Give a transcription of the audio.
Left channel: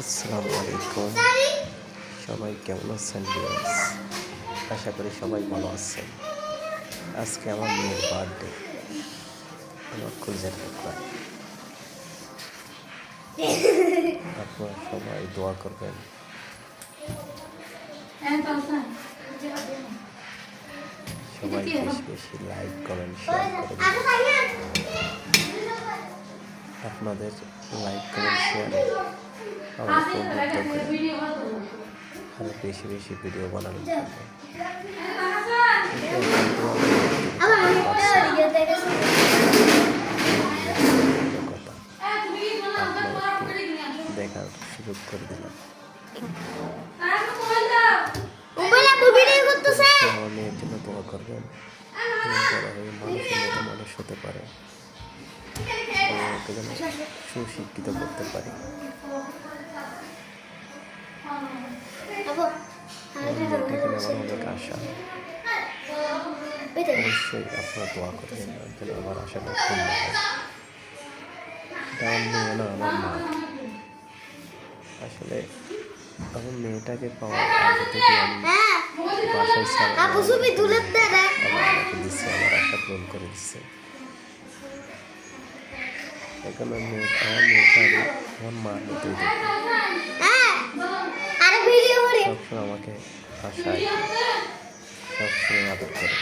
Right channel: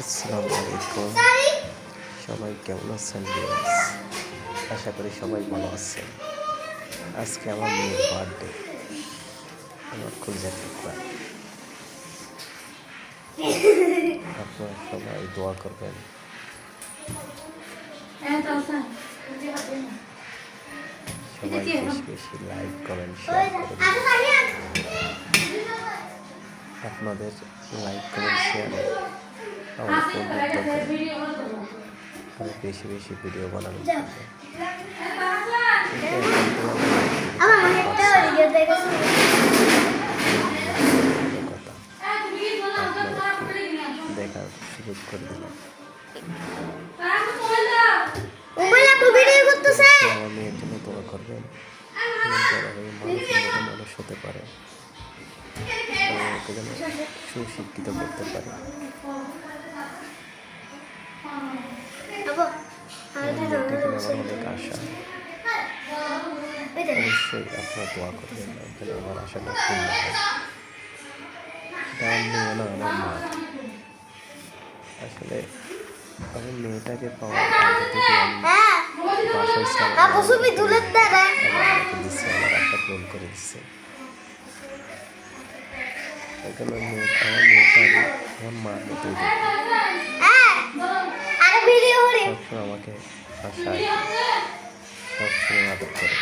আসসালামু আলাইকুম, সবাই কেমন আছেন ভিউয়ার্স? আশা করি সবাই ভালো আছেন। আজকে আমার মেয়ের বার্থডে, আমার কলিজার টুকরা। আপনারা সবাই দোয়া করবেন, সবাই বেশি বেশি লাইক কমেন্ট শেয়ার করে দিন। আপনাদের লাইক কমেন্ট শেয়ারে আমার বন্ধুত্ব করে আরো বেশি বেশি ভিডিও বানানোর জন্য। কথা আপনাদেরকে দেখার সুযোগ করে দিলাম। আমার মেয়ের জন্য দোয়া করবেন, বড় হয়ে মানুষের মতো মানুষ হতে পারে, ওকে যেন সুশিক্ষিত করতে পারি। আমার মেয়েটাকে আমার অনেক আশা, অবশ্যই আপনারা দোয়া করবেন যেন আমার আশাটা পূর্ণ হয়। এটা আমার মেয়ে না, আমার মা। আসলে আমার মেয়েটাকে পাওয়ার আগে থেকে আমি বাসায় আমাকে দিচ্ছে, আমার আশা পূরণ করে দিচ্ছে। এখানে আমার মেয়েটা আমার মার মতোই দেখি, সবসময় আমাকে আশায় সবসময় আদর করে।